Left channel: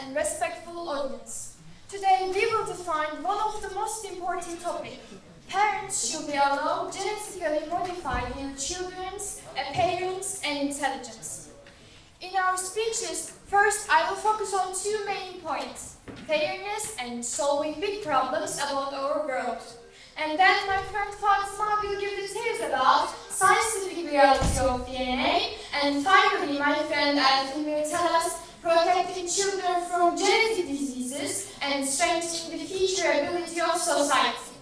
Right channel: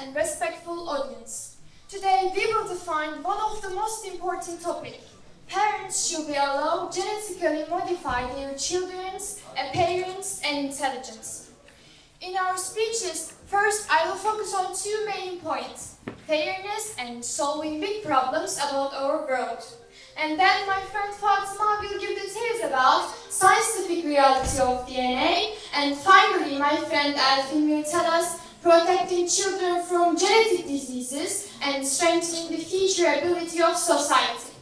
and respectful audience. Today we will define one of the most important topics. Parents should be allowed genetically modify their children's appearance and intelligence. In our speeches, first I will focus on two main points, fairness and solving big problems about our world. And then my friend Fatima will give details about scientific reality of DNA. And finally, my friend Elfin will tell us protecting children from genetic diseases and strengthening the future ability of society.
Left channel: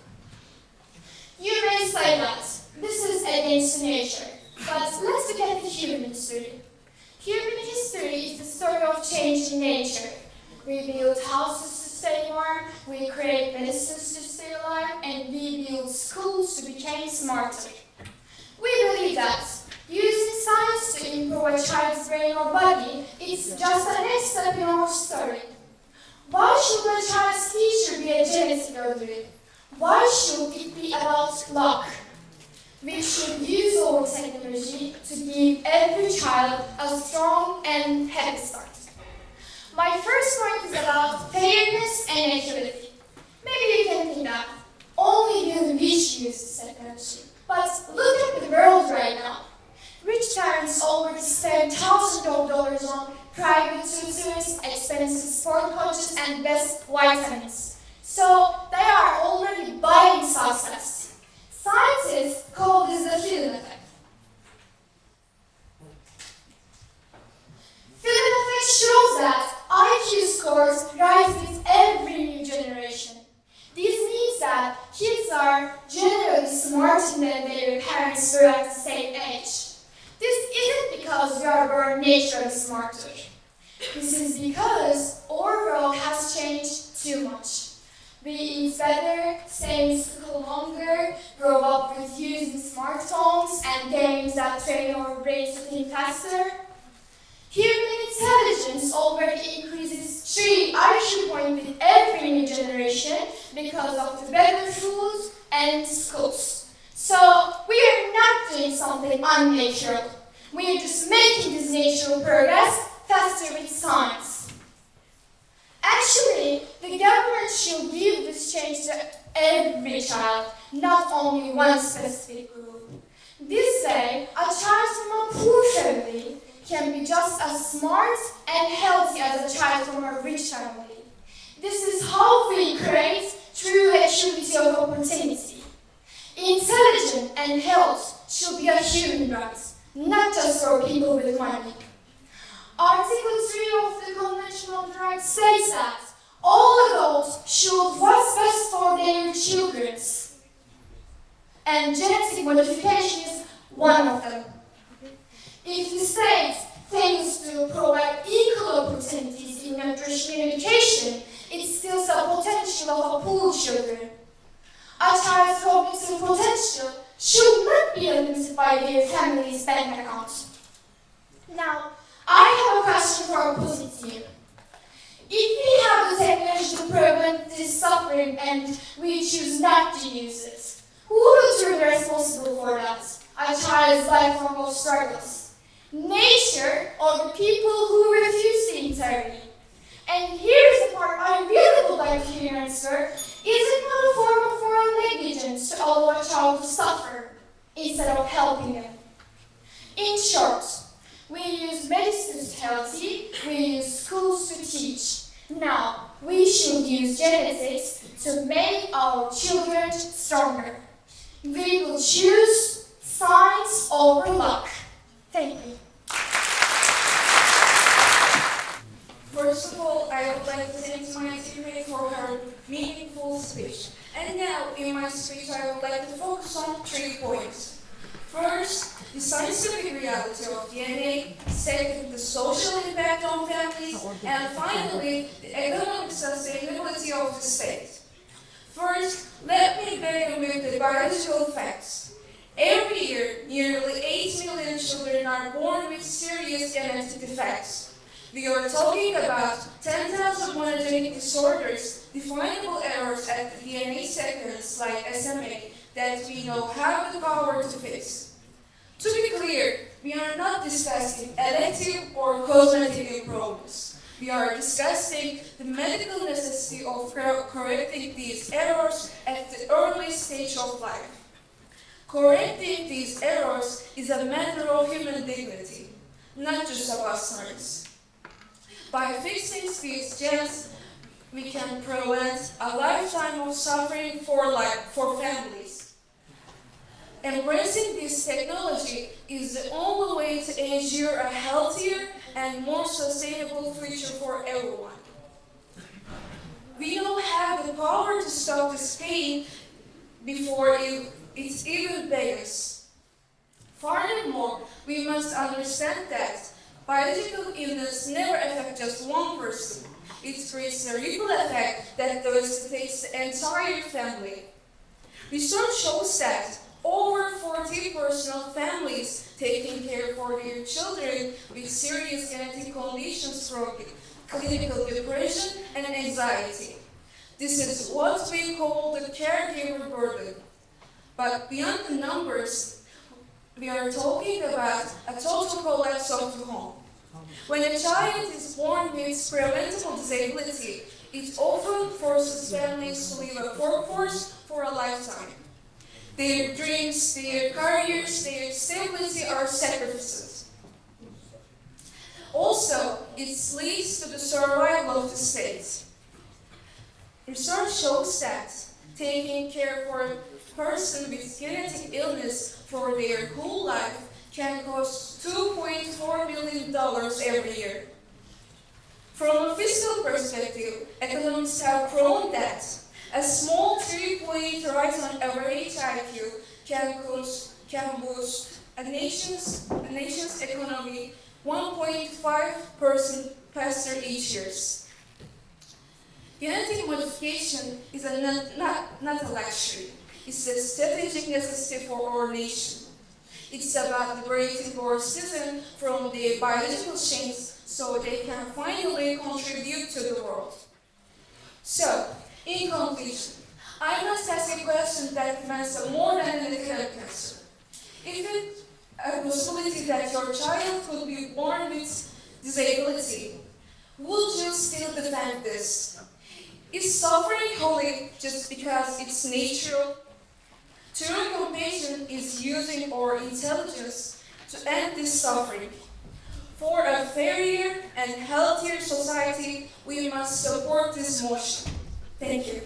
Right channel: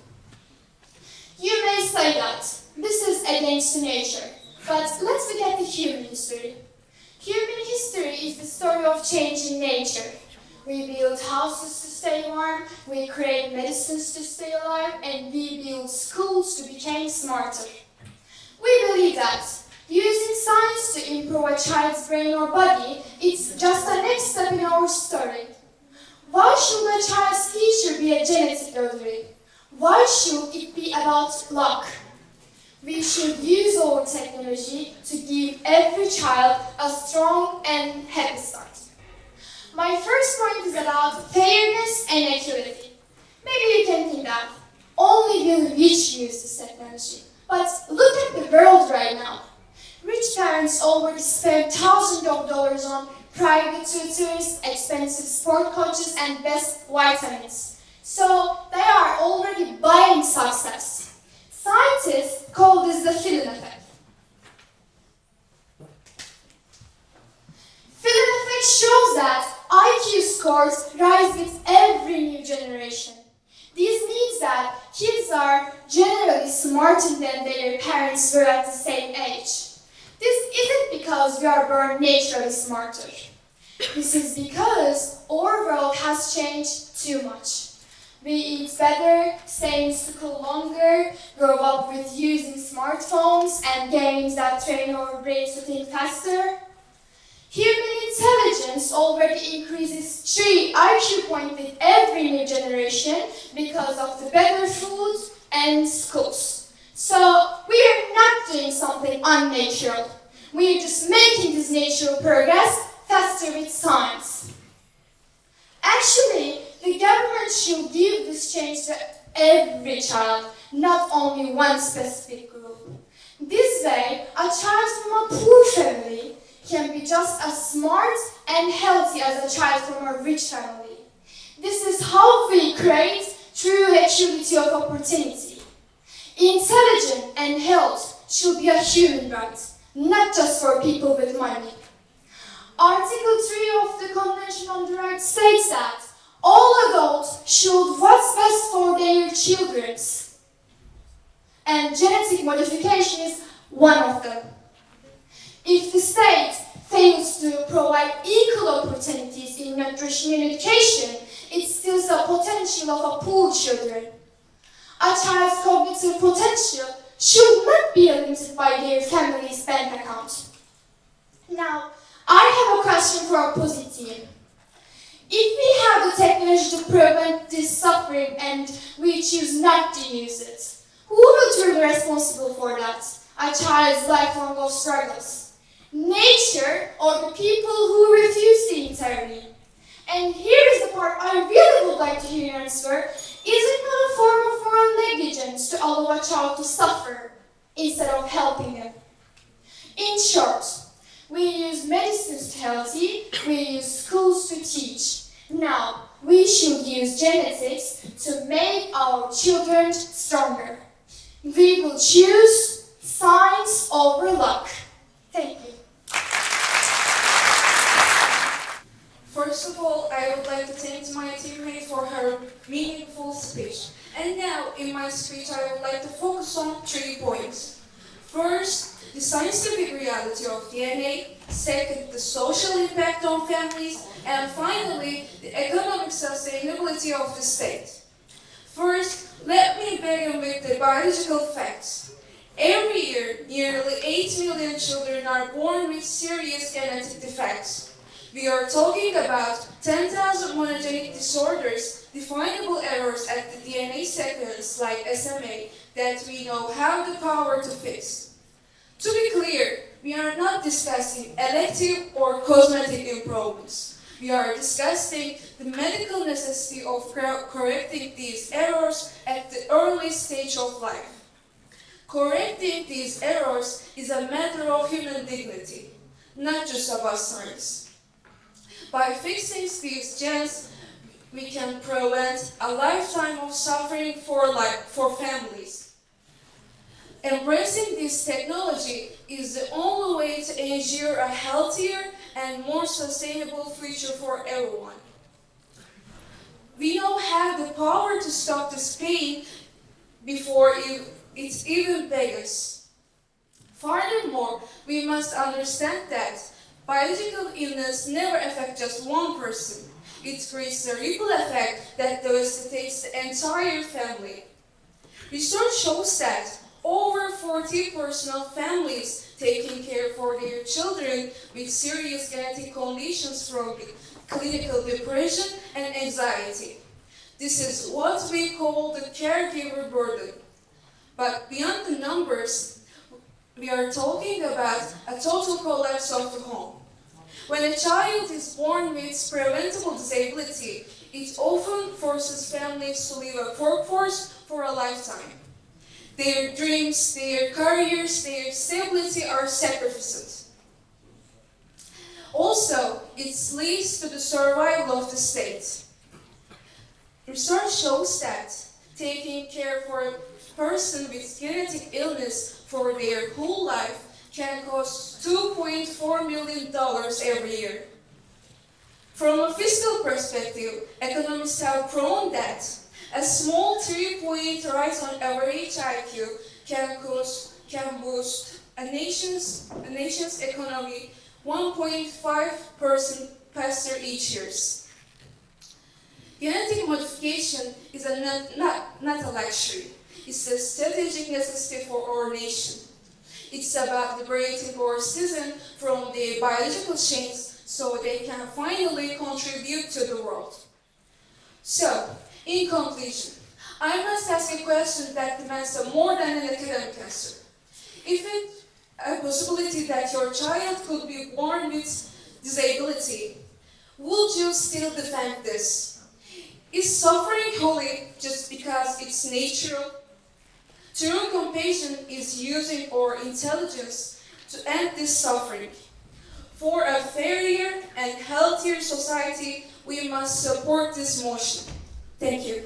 You may say that this is against nature, but let's look at the human history. Human history is the story of change in nature. We build houses to stay warm, we create medicines to stay alive, and we build schools to become smarter. We believe that using science to improve a child's brain or body is just the next step in our story. Why should a child's future be a genetic lottery? Why should it be about luck? We should use our technology to give every child a strong and happy start. My first point is about fairness and equality. Maybe you can think that only the rich use this technology. But look at the world right now. Rich parents already spend thousands of dollars on private tutors, expensive sport coaches, and best vitamins. So they are already buying success. Scientists call this the Finalini effect. Finalini effect shows that IQ scores rise with every new generation. This means that kids are generally smarter than their parents were at the same age. This isn't because we are born naturally smarter. This is because our world has changed too much. We eat better, stay in school longer, grow up with using smartphones and games that train our brains to think faster. Human intelligence already increases 3 IQ points with every new generation because of the better food and schools. So we are not doing something unnatural. We are just making this natural progress faster with science. Actually, the government should give this change to every child, not only one specific group. This way, a child from a poor family can be just as smart and healthy as a child from a rich family. This is how we create true equality of opportunity. Intelligence and health should be a human right, not just for people with money. Article 3 of the Convention on the Rights states that all adults should what's best for their children, and genetic modification is one of them. If the state fails to provide equal opportunities in nutrition and education, it steals the potential of a poor children. A child's cognitive potential should not be limited by their family's bank account. Now, I have a question for opposite team. If we have the technology to prevent this suffering and we choose not to use it, who will be responsible for that? A child's lifelong struggles. Nature or the people who refuse to intervene? And here is the part I really would like to hear your answer. Is it not a form of moral negligence to allow a child to suffer instead of helping them? In short, we use medicines to healthy, we use schools to teach. Now, we should use genetics to make our children stronger. We will choose science over luck. Thank you. First of all, I would like to thank my teammate for her meaningful speech. And now, in my speech, I would like to focus on 3 points. First, the scientific reality of DNA. Second, the social impact on families. And finally, the economic sustainability of the state. First, let me begin with the biological facts. Every year, nearly 8 million children are born with serious genetic defects. We are talking about 10,000 monogenic disorders, definable errors at the DNA sequence like SMA that we know have the power to fix. To be clear, we are not discussing elective or cosmetic improvements. We are discussing the medical necessity of correcting these errors at the early stage of life. Correcting these errors is a matter of human dignity, not just about science. By fixing these genes, we can prevent a lifetime of suffering for families. Embracing this technology is the only way to ensure a healthier and more sustainable future for everyone. We now have the power to stop this pain before it even begins. Furthermore, we must understand that biological illness never affects just one person. It creates a ripple effect that devastates the entire family. Research shows that over 40% of families taking care for their children with serious genetic conditions from clinical depression and anxiety. This is what we call the caregiver burden. But beyond the numbers, we are talking about a total collapse of the home. When a child is born with preventable disability, it often forces families to leave a workforce for a lifetime. Their dreams, their careers, their stability are sacrificed. Also, it leads to the survival of the state. Research shows that taking care for a person with genetic illness for their whole life can cost $2.4 million every year. From a fiscal perspective, economists have proven that a small 3-point rise on average IQ can boost a nation's economy 1.5% faster each year. Genetic modification is not a luxury. It's a strategic necessity for our nation. It's about liberating our citizens from their biological chains so they can finally contribute to the world. So, in conclusion, I must ask a question that demands more than an academic answer. If it's a possibility that your child could be born with disability, would you still defend this? Is suffering holy just because it's natural? True compassion is using our intelligence to end this suffering. For a fairer and healthier society, we must support this motion. Thank you.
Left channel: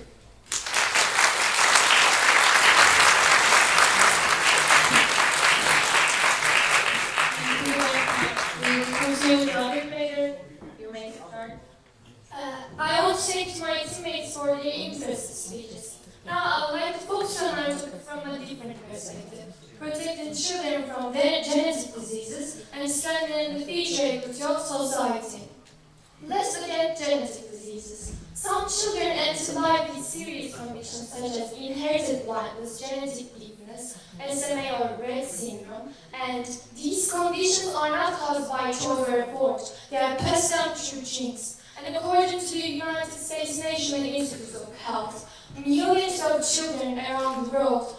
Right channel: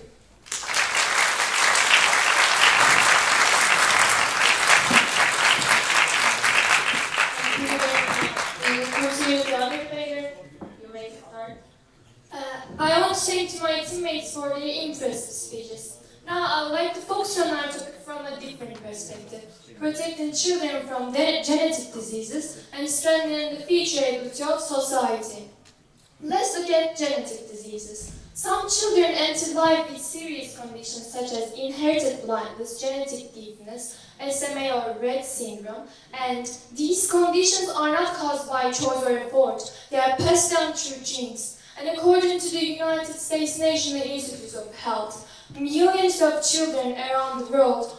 I want to thank my teammates for their interesting speeches. Now I would like to focus on our topic from a different perspective, protecting children from genetic diseases and strengthening the future ability of society. Let's look at genetic diseases. Some children enter life with serious conditions such as inherited blindness, genetic deafness, SMA or Rett syndrome, and these conditions are not caused by choice or effort, they are passed down through genes. And according to the United States National Institute of Health, millions of children around the world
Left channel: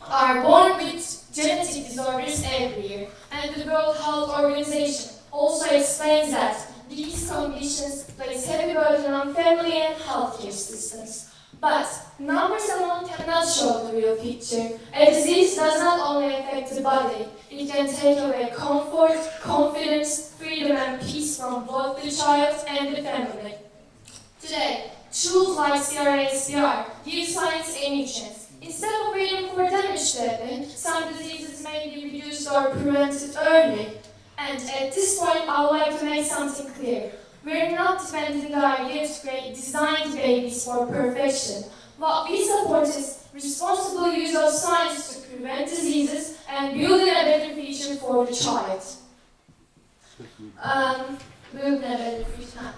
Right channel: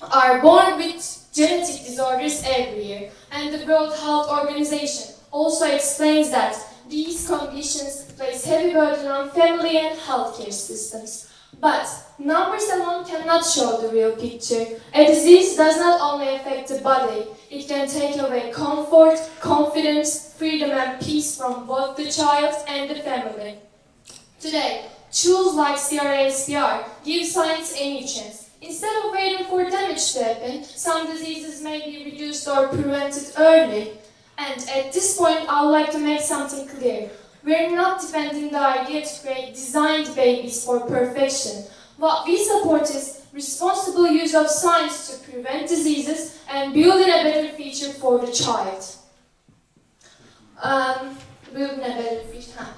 are born with genetic disorders every year, and the World Health Organization also explains that these conditions place heavy burden on family and healthcare systems. But numbers alone cannot show the real picture. A disease does not only affect the body, it can take away comfort, confidence, freedom and peace from both the child and the family. Today, tools like CRISPR give science any chance. Instead of waiting for damage to happen, some diseases may be reduced or prevented early. And at this point, I would like to make something clear. We're not defending the idea to create designed babies for perfection. What we support is responsible use of science to prevent diseases and building a better future for the child. Building a better future.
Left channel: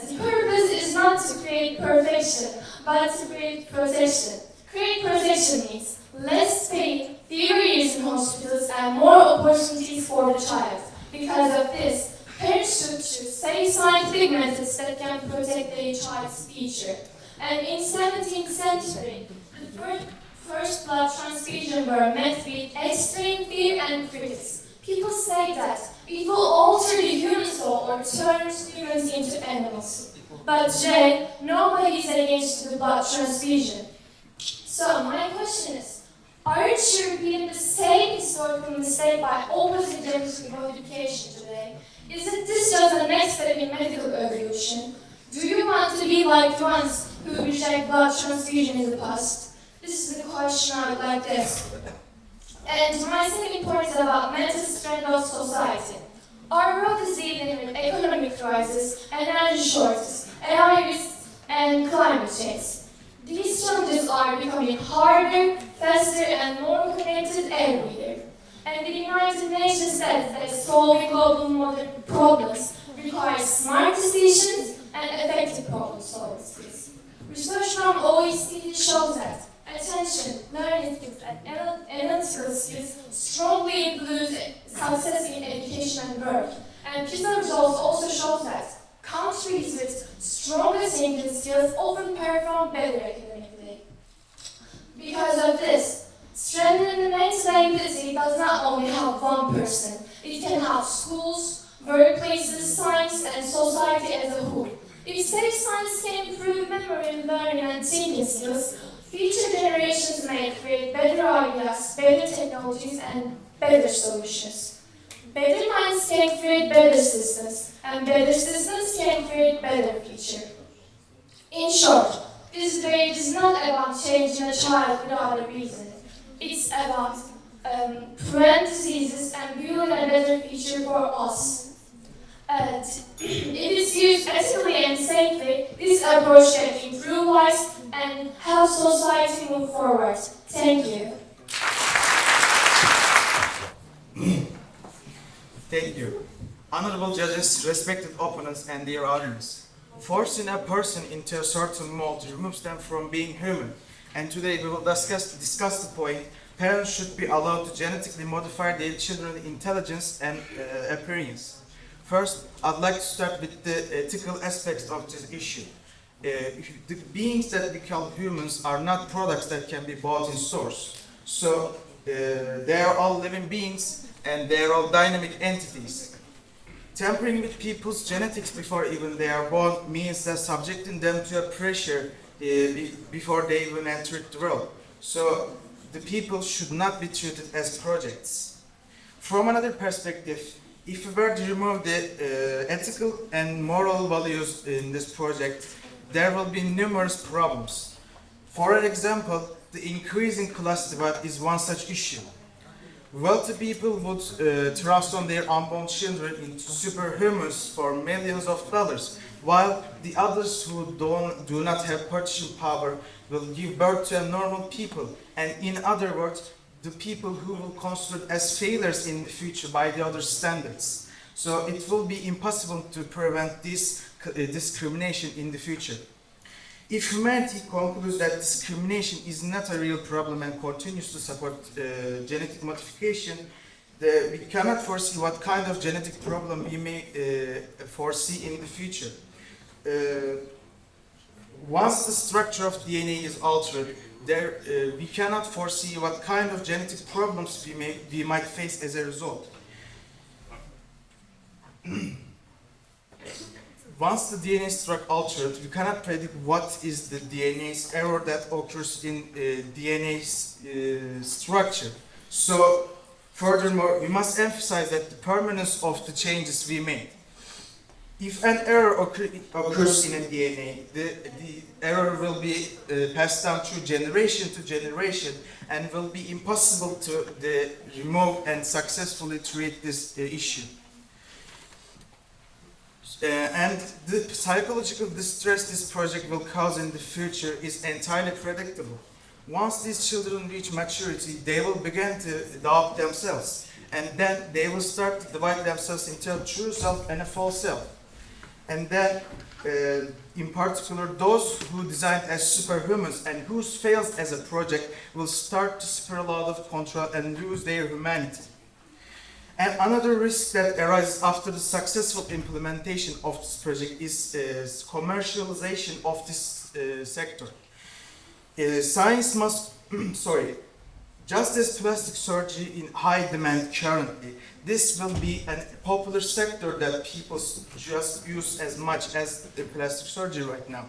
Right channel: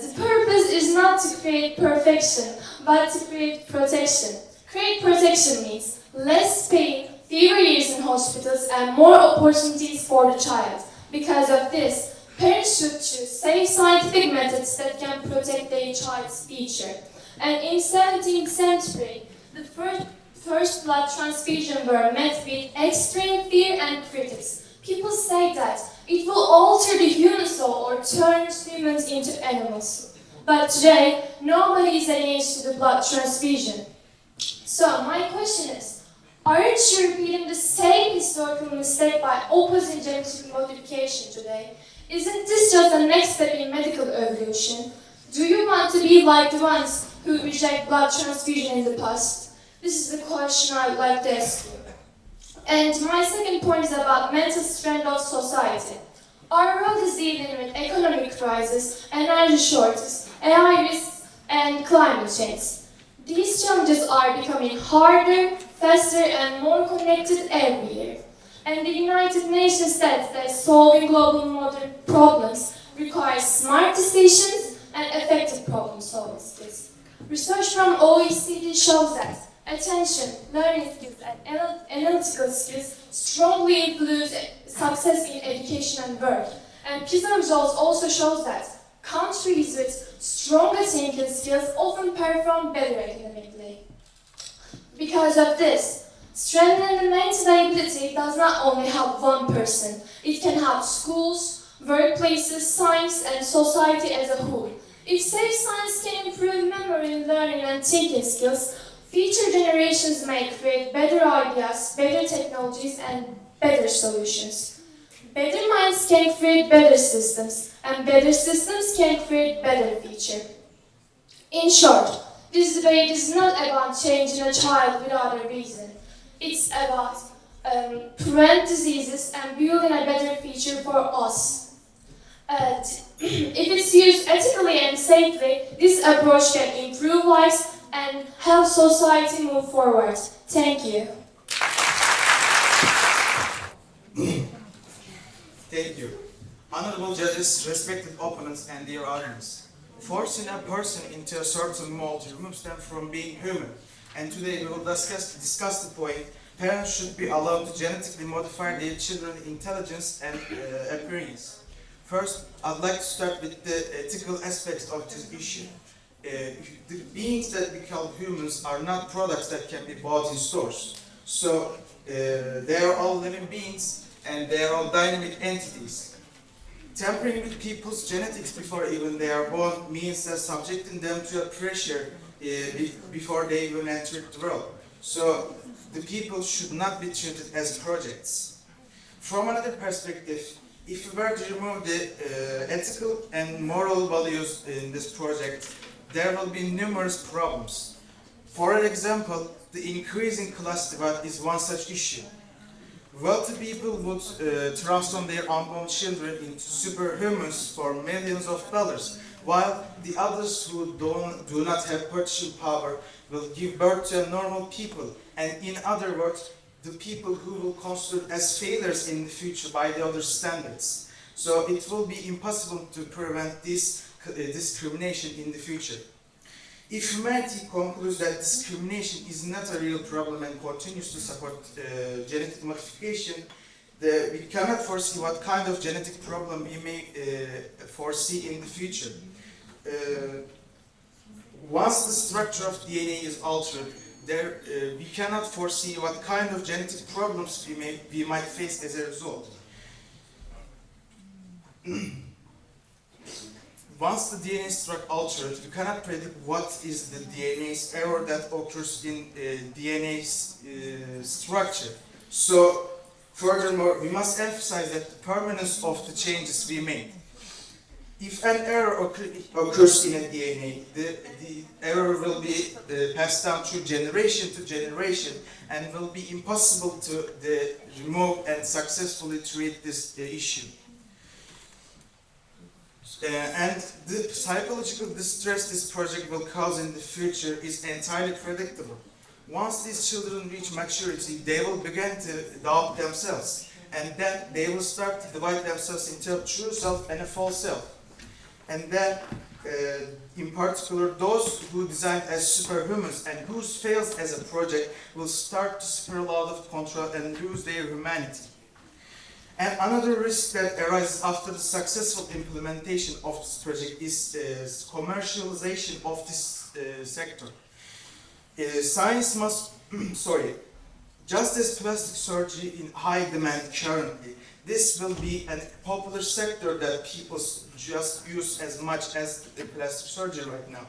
The purpose is not to create perfection, but to create protection. Create protection means less pain, fewer years in hospitals, and more opportunities for the child. Because of this, parents should choose safe scientific methods that can protect their child's future. And in 17th century, the first blood transfusion were met with extreme fear and critics. People say that it will alter the human soul or turn humans into animals. But today, nobody is against the blood transfusion. So my question is, aren't you repeating the same historical mistake by opposing genetic modification today? Isn't this just the next step in medical evolution? Do you want to be like the ones who reject blood transfusion in the past? This is the question I would like to ask you. And my second point is about mental strength of society. Our world is dealing with economic crisis, energy shortages, AI risks, and climate change. These challenges are becoming harder, faster, and more connected every year. And the United Nations says that solving global modern problems requires smart decisions and effective problem-solving skills. Research from OECD shows that attention, learning skills, and analytical skills strongly influence success in education and work. And PISA results also show that countries with stronger thinking skills often perform better academically. Because of this, strengthening mental ability does not only help one person, it can help schools, workplaces, science, and society as a whole. If safe science can improve memory, learning, and thinking skills, future generations may create better ideas, better technologies, and better solutions. Better minds can create better systems, and better systems can create better future. In short, this debate is not about changing a child without a reason. It's about preventing diseases and building a better future for us. If it's used ethically and safely, this approach can improve lives and help society move forward. Thank you. Thank you. Honorable judges, respected opponents, and dear audience. Forcing a person into a certain mold removes them from being human. And today we will discuss the point, parents should be allowed to genetically modify their children's intelligence and appearance. First, I'd like to start with the ethical aspects of this issue. The beings that we call humans are not products that can be bought in stores. So they are all living beings and they are all dynamic entities. Tampering with people's genetics before even they are born means that subjecting them to a pressure before they even enter the world. So the people should not be treated as projects. From another perspective, if we were to remove the ethical and moral values in this project, there will be numerous problems. For example, the increasing class divide is one such issue. Wealthy people would trust on their unborn children into superhumans for millions of dollars, while the others who do not have purchasing power will give birth to normal people, and in other words, the people who will considered as failures in the future by the other standards. So it will be impossible to prevent this discrimination in the future. If humanity concludes that discrimination is not a real problem and continues to support genetic modification, we cannot foresee what kind of genetic problem we may foresee in the future. Once the structure of DNA is altered, we cannot foresee what kind of genetic problems we might face as a result. Once the DNA structure altered, we cannot predict what is the DNA's error that occurs in DNA's structure. So, furthermore, we must emphasize that the permanence of the changes we made. If an error occurs in a DNA, the error will be passed down through generation to generation and will be impossible to remove and successfully treat this issue. And the psychological distress this project will cause in the future is entirely predictable. Once these children reach maturity, they will begin to doubt themselves, and then they will start to divide themselves into a true self and a false self. And then, in particular, those who designed as superhumans and whose fails as a project will start to spiral out of control and lose their humanity. And another risk that arises after the successful implementation of this project is commercialization of this sector. Science must, Just as plastic surgery in high demand currently, this will be a popular sector that people just use as much as the plastic surgery right now.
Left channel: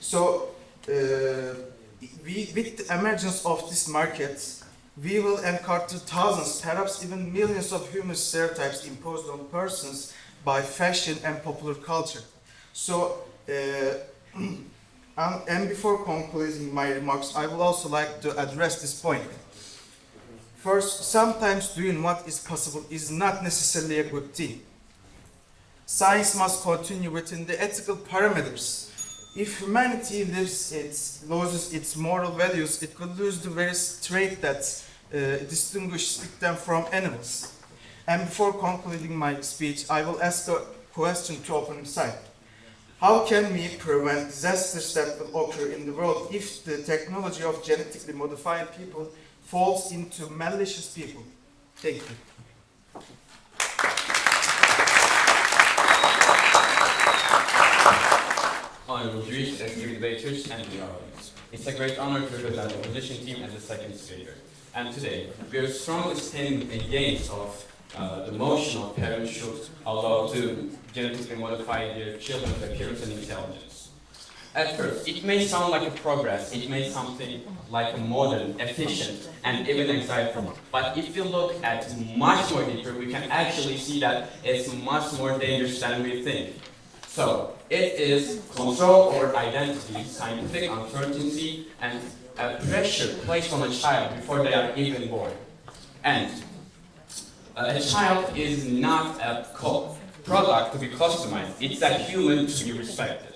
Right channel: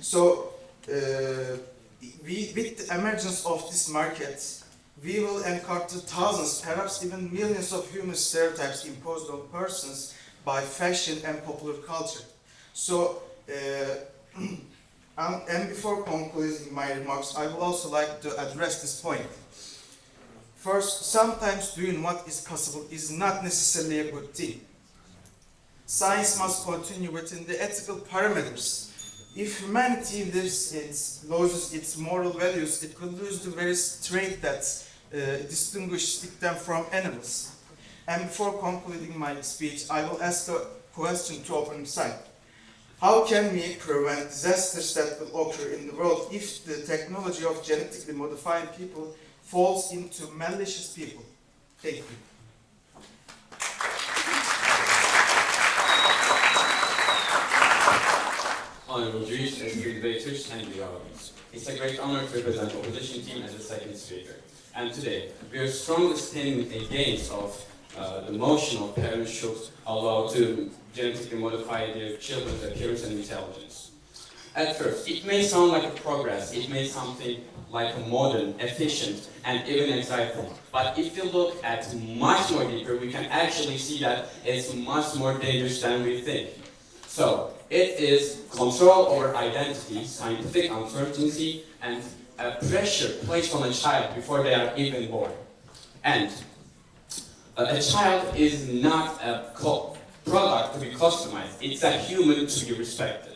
So, with the emergence of this market, we will encounter thousands, perhaps even millions of human stereotypes imposed on persons by fashion and popular culture. So, and before concluding my remarks, I would also like to address this point. First, sometimes doing what is possible is not necessarily a good thing. Science must continue within the ethical parameters. If humanity loses its moral values, it will lose the very trait that distinguishes them from animals. And before concluding my speech, I will ask a question to opening side. How can we prevent disasters that will occur in the world if the technology of genetically modifying people falls into malicious people? Thank you. Honorable Jewish and debaters and the audience. It's a great honor to represent the opposition team as a second speaker. And today, we are strongly standing against the motion of parents should allow to genetically modify their children's appearance and intelligence. At first, it may sound like a progress, it may something like a modern, efficient, and even exciting. But if you look at much more deeper, we can actually see that it's much more dangerous than we think. So, it is control over identity, scientific uncertainty, and a pressure placed on a child before they are even born. And a child is not a product to be customized, it's a human to be respected.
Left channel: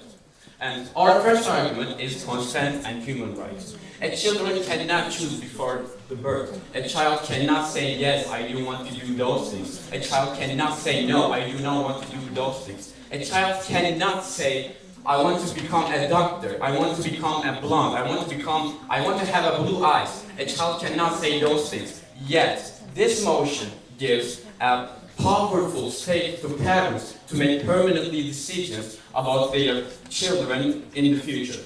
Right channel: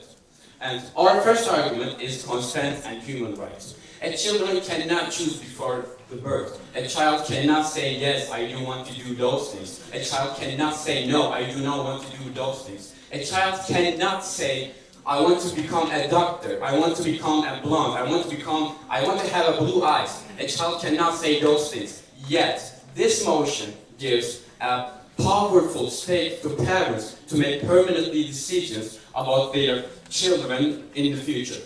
And our first argument is consent and human rights. A child cannot choose before the birth. A child cannot say, yes, I do want to do those things. A child cannot say, no, I do not want to do those things. A child cannot say, I want to become a doctor, I want to become a blonde, I want to have a blue eyes. A child cannot say those things. Yet, this motion gives a powerful stake to parents to make permanently decisions about their children in the future.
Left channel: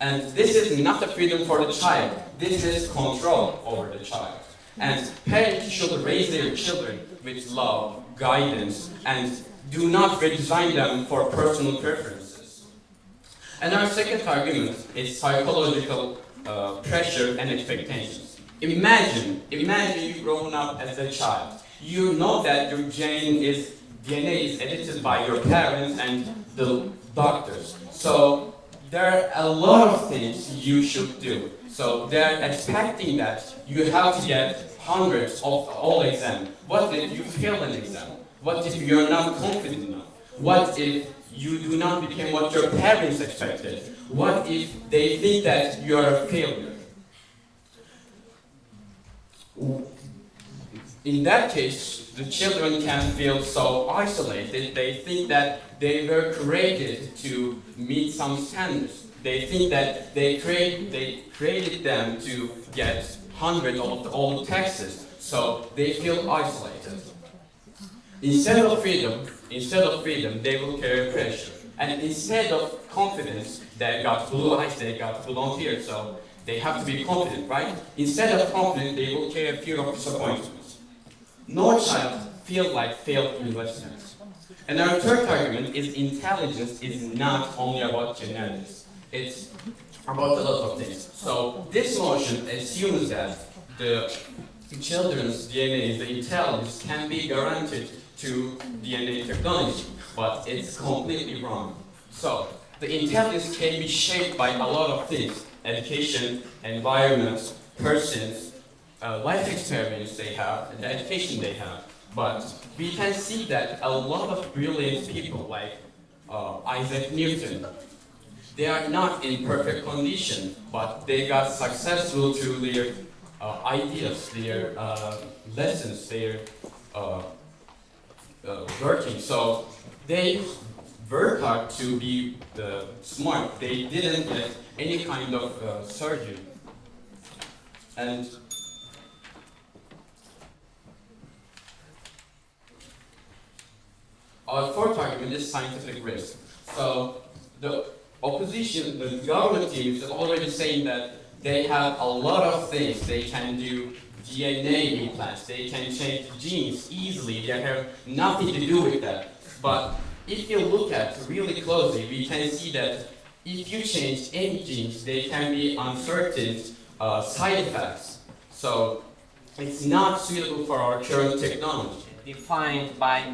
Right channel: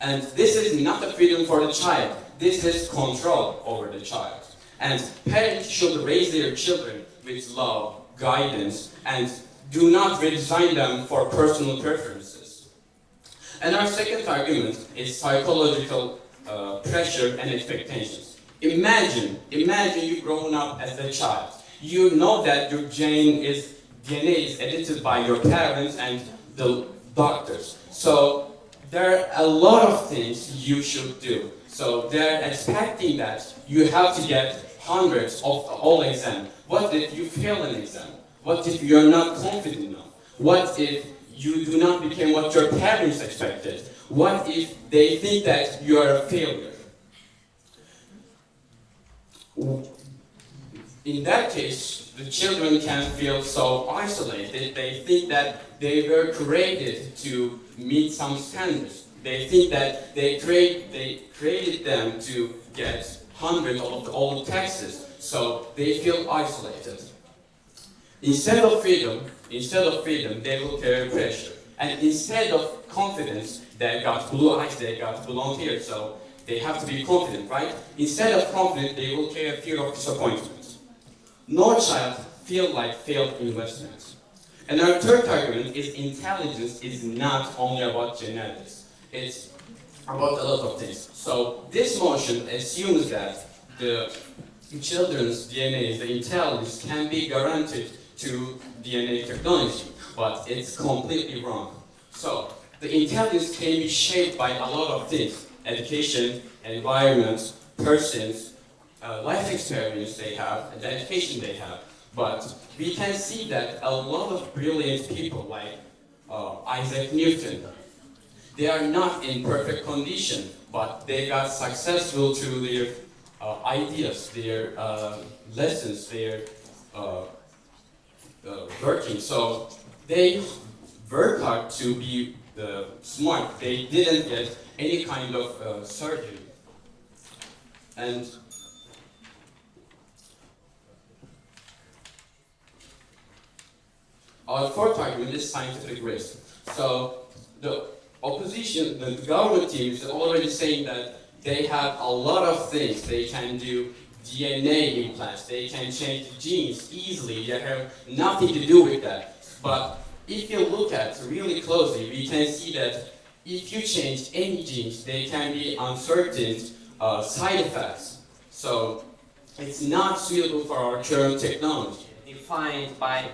And this is not a freedom for the child, this is control over the child. And parents should raise their children with love, guidance, and do not redesign them for personal preferences. And our second argument is psychological pressure and expectations. Imagine you growing up as a child. You know that your DNA is edited by your parents and the doctors. So there are a lot of things you should do. So they're expecting that you have to get hundreds of all exams. What if you fail an exam? What if you're not confident enough? What if you do not become what your parents expected? What if they think that you're a failure? In that case, the children can feel so isolated. They think that they were created to meet some standards. They think that they created them to get hundreds of all taxes, so they feel isolated. Instead of freedom, they will carry pressure. And instead of confidence, they got blue eyes, they got blonde hair, so they have to be confident, right? Instead of confidence, they will carry fear of disappointment. No child feel like failed investments. And our third argument is intelligence is not only about genetics. It's about a lot of things. So this motion assumes that the children's DNA, the intelligence, can be guaranteed to DNA technology, but it's completely wrong. So the intelligence can be shaped by a lot of things: education, environment, persons, life experience they have, and the education they have. But we can see that a lot of brilliant people like Isaac Newton, they are not in perfect condition, but they got successful through their ideas, their lessons, their working. So they work hard to be smart. They didn't get any kind of surgery. And our fourth argument is scientific risk. So the opposition, the government team is already saying that they have a lot of things. They can do DNA implants, they can change genes easily, they have nothing to do with that. But if you look at really closely, we can see that if you change any genes, there can be uncertain side effects. So it's not suitable for our current technology. Defined by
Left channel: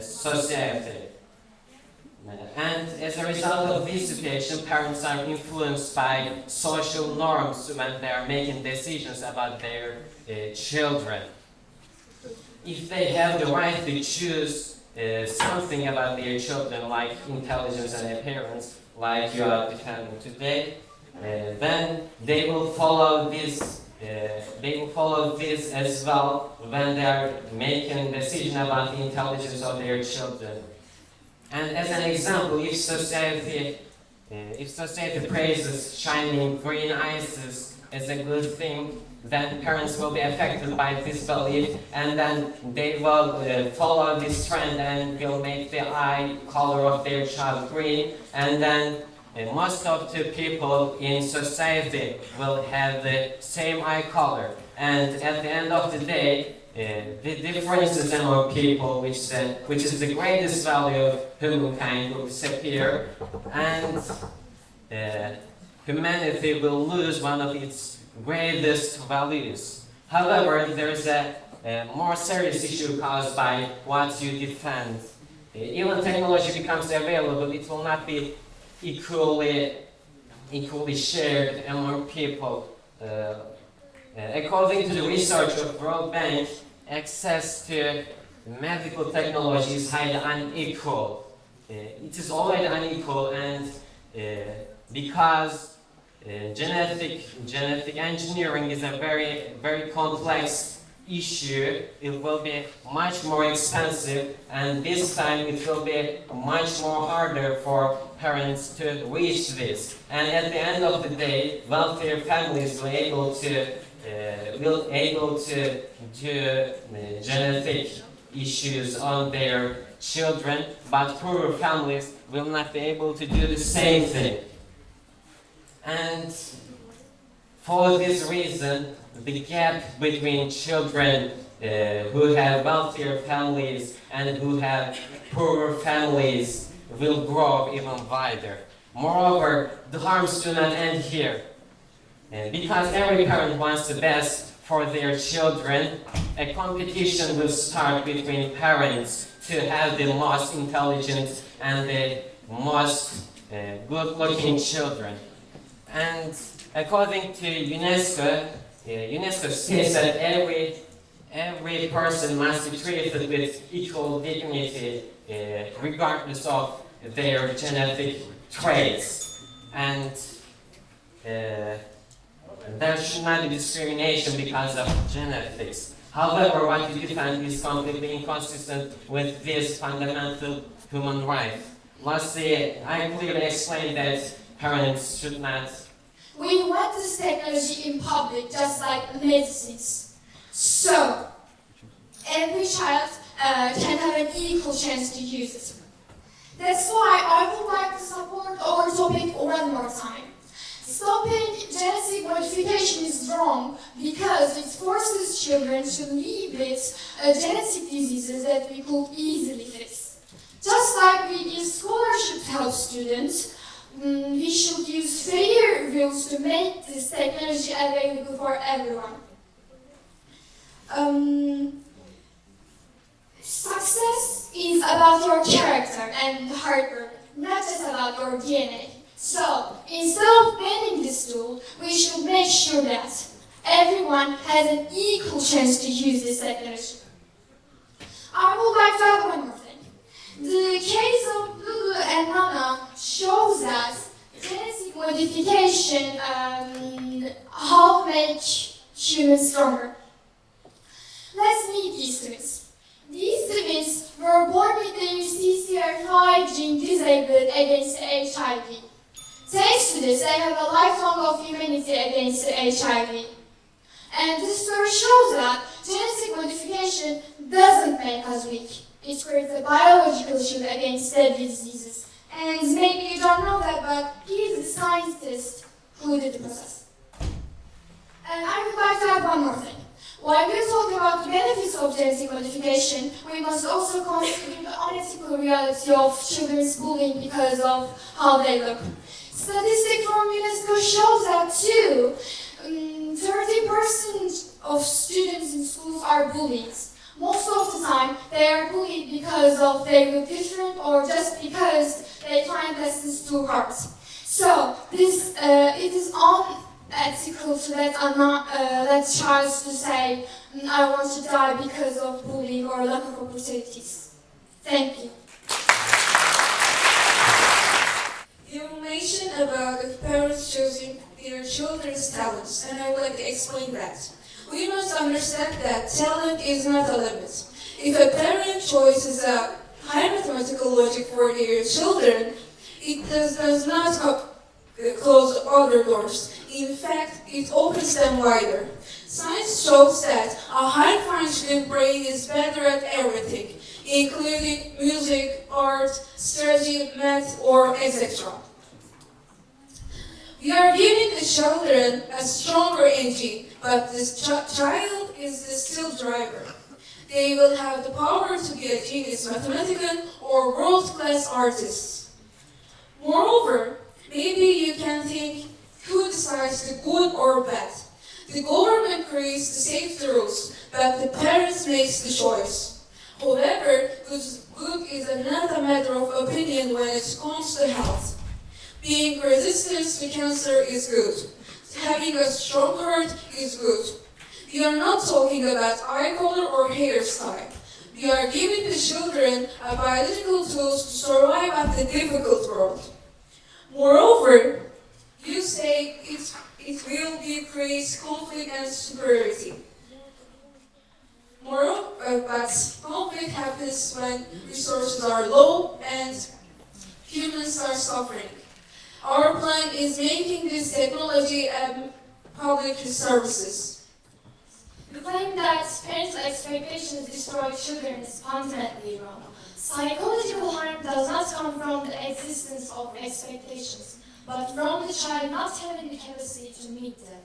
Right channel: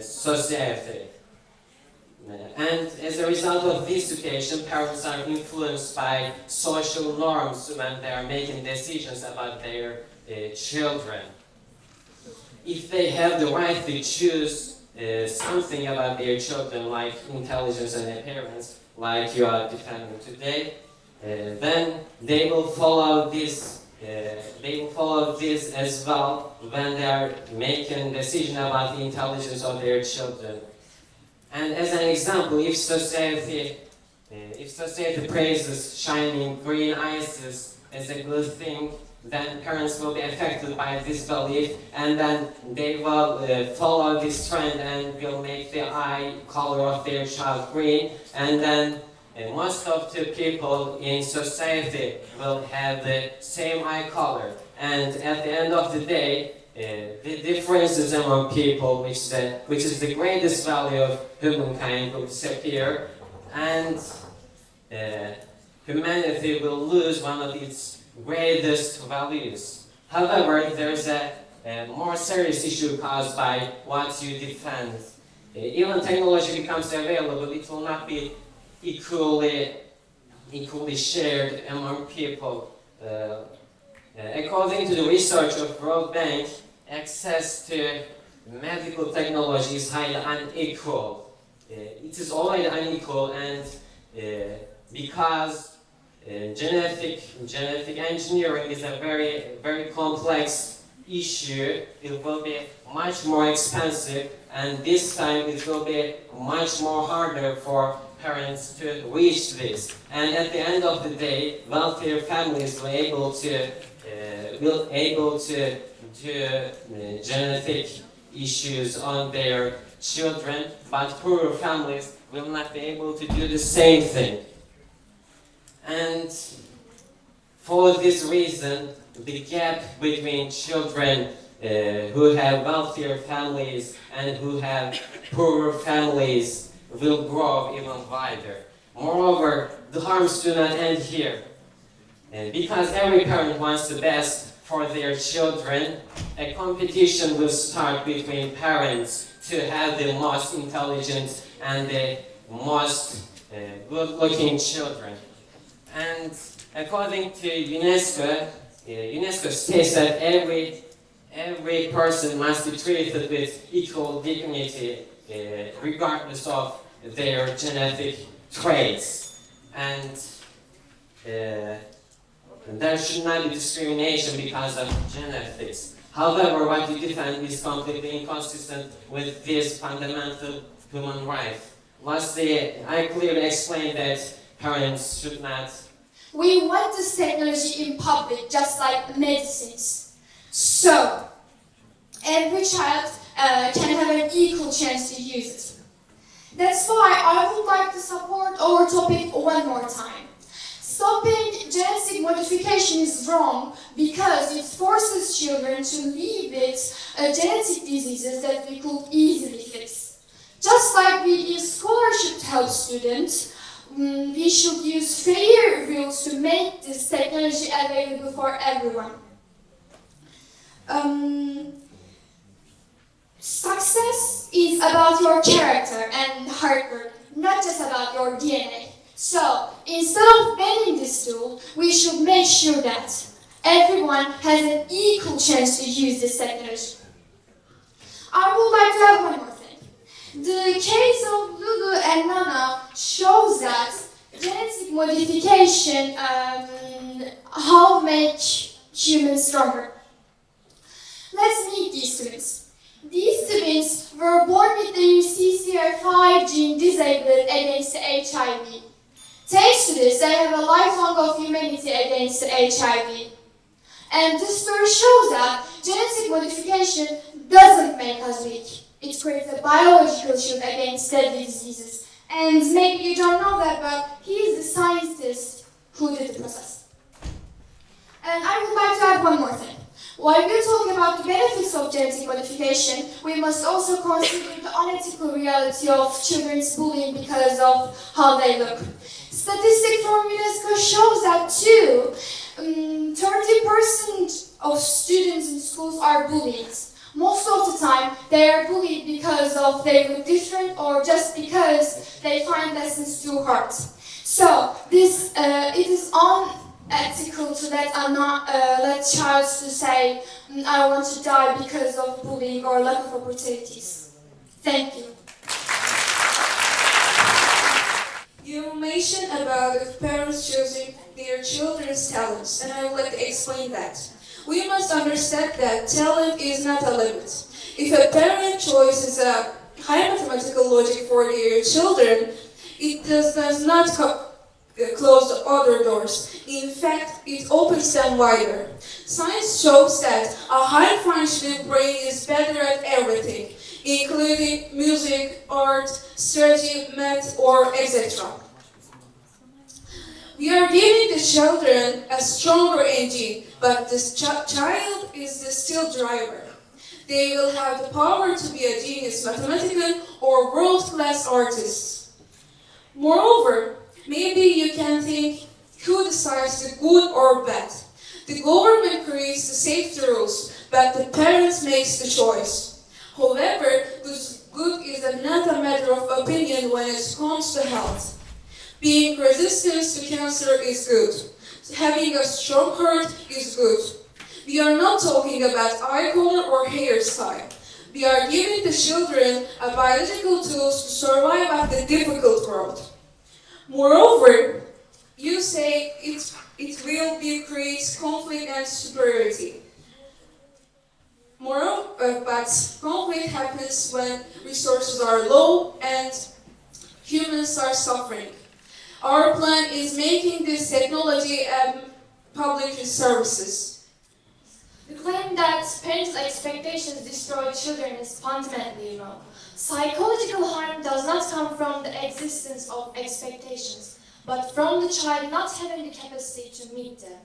society. And as a result of this situation, parents are influenced by social norms when they are making decisions about their children. If they have the right to choose something about their children, like intelligence and appearance, like you are defending today, then they will follow this. They will follow this as well when they are making a decision about the intelligence of their children. And as an example, if society praises shining green eyes as a good thing, then parents will be affected by this belief, and then they will follow this trend and will make the eye color of their child green, and then most of the people in society will have the same eye color, and at the end of the day, the differences among people, which is the greatest value of humankind, will disappear, and humanity will lose one of its greatest values. However, there is a more serious issue caused by what you defend. Even technology becomes available, it will not be equally shared among people. According to the research of World Bank, access to medical technology is highly unequal. It is already unequal, and because genetic engineering is a very complex issue, it will be much more expensive, and this time it will be much more harder for parents to reach this. And at the end of the day, wealthier families will able to do genetic issues on their children, but poorer families will not be able to do the same thing. And for this reason, the gap between children who have wealthier families and who have poorer families will grow even wider. Moreover, the harms do not end here. Because every parent wants the best for their children, a competition will start between parents to have the most intelligent and the most good-looking children. And according to UNESCO, UNESCO states that every person must be treated with equal dignity, regardless of their genetic traits. And there should not be discrimination because of genetics. However, what you defend is completely inconsistent with this fundamental human right. Lastly, I clearly explained that parents should not. We want this technology in public, just like medicines. So, every child can have an equal chance to use it. That's why I would like to support our topic one more time. Stopping genetic modification is wrong because it forces children to live with genetic diseases that we could easily fix. Just like we give scholarship to help students, we should use fair rules to make this technology available for everyone. Success is about your character and hard work, not just about your DNA. So, instead of banning this tool, we should make sure that everyone has an equal chance to use this technology. I would like to add one more thing. The case of Lulu and Nana shows that genetic modification how make humans stronger. Let's meet these twins. These twins were born with the CCR5 gene disabled against HIV. Thanks to this, they have a lifelong of immunity against HIV. And this story shows that genetic modification doesn't make us weak. It creates a biological shield against deadly diseases. And maybe you don't know that, but he is the scientist who did the process. And I would like to add one more thing. While we're talking about the benefits of genetic modification, we must also consider the unethical reality of children's bullying because of how they look. Statistics from UNESCO shows that too, 30% of students in schools are bullied. Most of the time, they are bullied because of they look different or just because they find lessons too hard. So, it is unethical to let child to say, I want to die because of bullying or lack of opportunities. Thank you. You mentioned about the parents choosing their children's talents, and I would like to explain that. We must understand that talent is not a limit. If a parent chooses a high mathematical logic for their children, it does not close other doors. In fact, it opens them wider. Science shows that a high-functioning brain is better at everything, including music, art, strategy, math, or etc. We are giving the children a stronger engine, but the child is the still driver. They will have the power to be a genius mathematician or world-class artist. Moreover, maybe you can think, who decides the good or bad? The government creates the safety rules, but the parents makes the choice. However, good is not a matter of opinion when it comes to health. Being resistant to cancer is good. Having a strong heart is good. We are not talking about eye color or hairstyle. We are giving the children a biological tools to survive at the difficult world. Moreover, you say it will decrease conflict and superiority. But conflict happens when resources are low and humans are suffering. Our plan is making this technology public services. The claim that parents' expectations destroy children is fundamentally wrong. Psychological harm does not come from the existence of expectations, but from the child not having the capacity to meet them.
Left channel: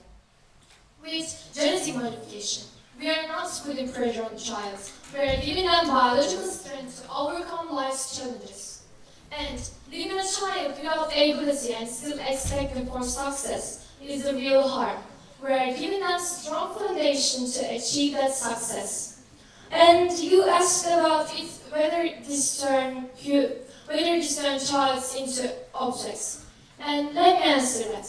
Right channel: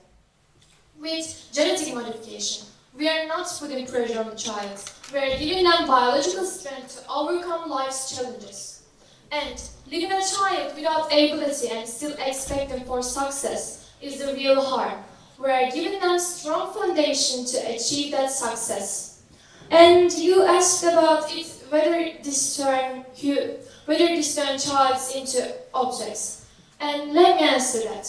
With genetic modification, we are not putting pressure on the child. We are giving them biological strength to overcome life's challenges. And leaving a child without ability and still expecting for success is the real harm. We are giving them strong foundation to achieve that success. And you asked about it, whether this turn childs into objects. And let me answer that.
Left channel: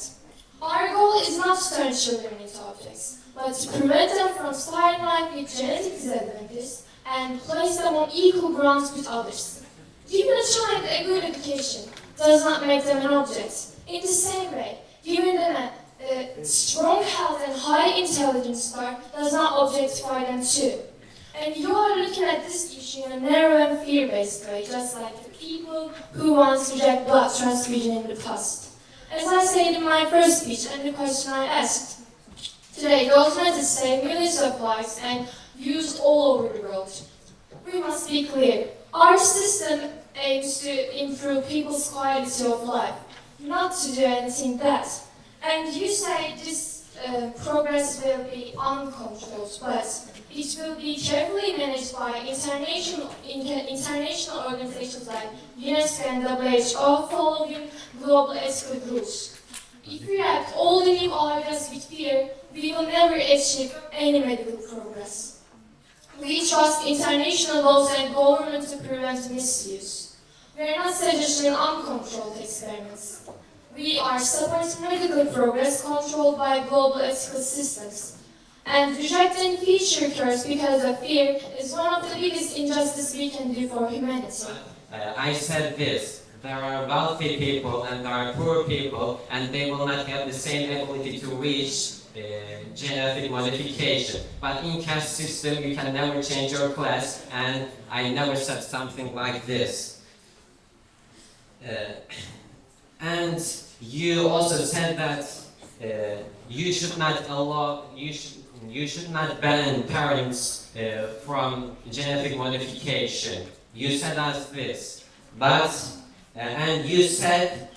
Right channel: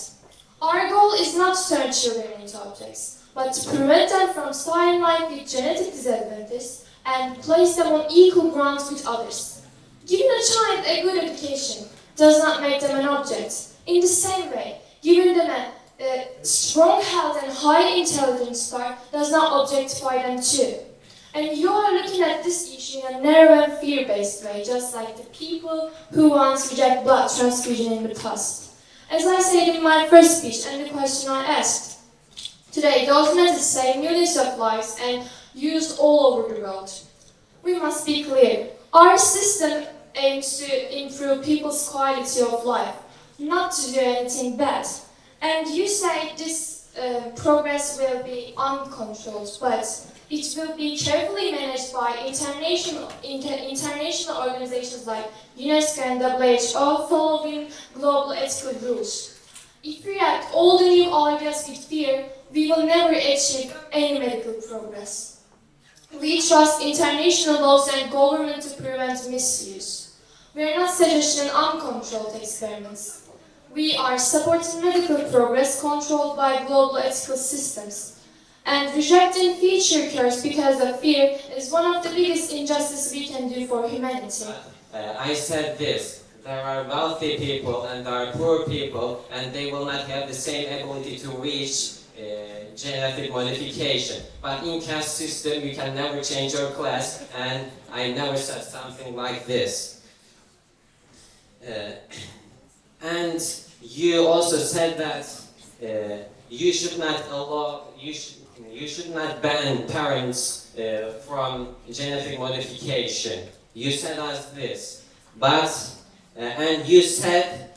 Our goal is not to turn children into objects, but to prevent them from starting life with genetic disadvantages and place them on equal grounds with others. Giving a child a good education does not make them an object. In the same way, giving them a strong health and high intelligence star does not objectify them too. And you are looking at this issue in a narrow and fear-based way, just like the people who once reject blood transfusion in the past. As I said in my first speech and the question I asked, today documented say millions of lives and used all over the world. We must be clear. Our system aims to improve people's quality of life, not to do anything bad. And you say this progress will be uncontrolled, but it will be carefully managed by international organizations like UNESCO and WHO following global ethical rules. If we react all the new ideas with fear, we will never achieve any medical progress. We trust international laws and government to prevent misuse. We are not suggesting uncontrolled experiments. We are supporting medical progress controlled by global ethical systems. And rejecting future cures because of fear is one of the biggest injustices we can do for humanity. I said this. There are wealthy people and there are poor people, and they will not have the same ability to reach genetic modification. But in caste system, you can never change your class, and I never said something like this. And you also said that you should not ban parents from genetic modification. You said us this, but and you said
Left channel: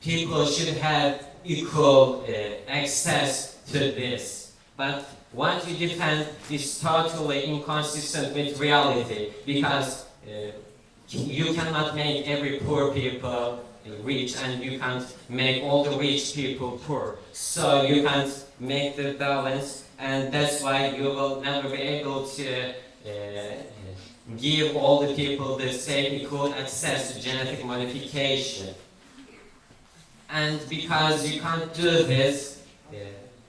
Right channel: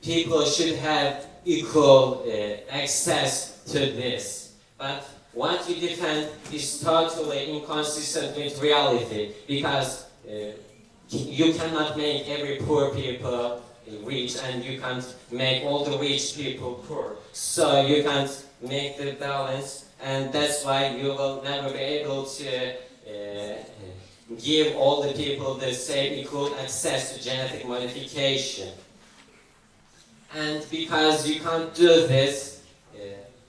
people should have equal access to this. But what you defend is totally inconsistent with reality because you cannot make every poor people rich and you can't make all the rich people poor. So you can't make the balance, and that's why you will never be able to give all the people the same equal access to genetic modification. And because you can't do this,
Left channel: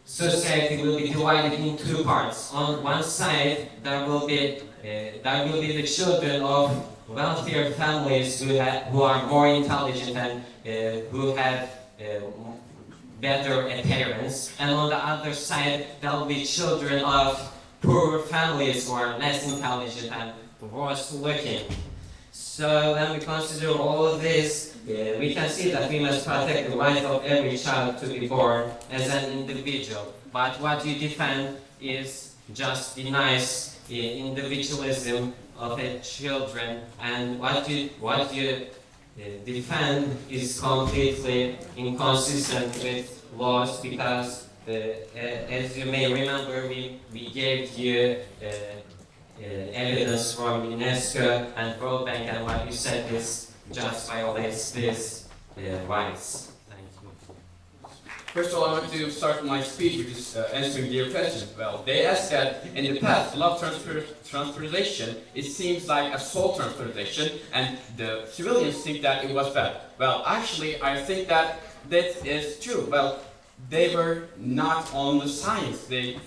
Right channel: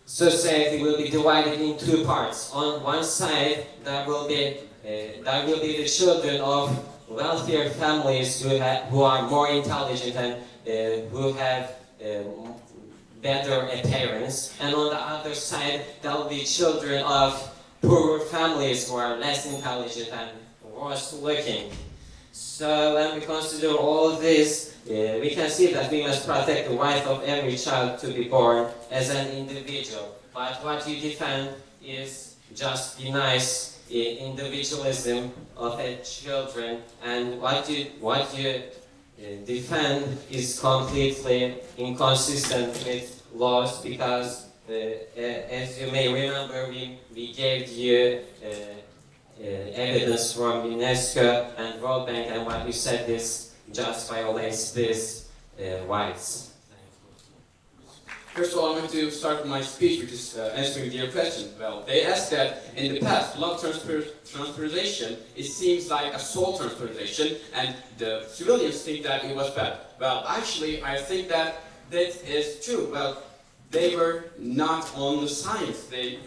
society will be divided in two parts. On one side, there will be the children of wealthier families who are more intelligent and who have better appearance, and on the other side there will be children of poorer families who are less intelligent and worse looking. So when we consider all of this, we can see that we must protect the right of every child to be born as an individual. But what you defend is just the nice individualism of the children, and what you defend is completely inconsistent with laws because, as you may remember, we gave you evidence from UNESCO and World Bank, and what you said is just violates these rights. Thank you. First of all, I want to start my speech with just answering their question. Well, they asked that in the past, love transportation, it seems like a soul transportation, and the civilians think that it was bad. Well, actually, I think that is true. Well, they were not on the science. They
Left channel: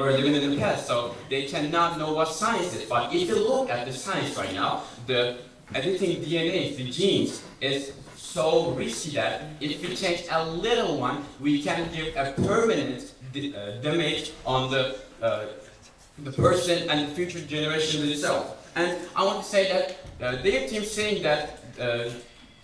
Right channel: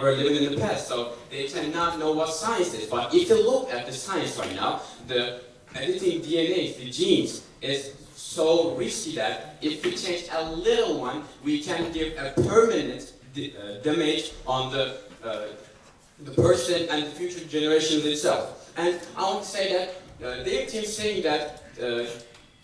were living in the past, so they cannot know what science is. But if you look at the science right now, the editing DNA, the genes, is so risky that if we change a little one, we can give a permanent damage on the person and the future generations itself. And I want to say that their team saying that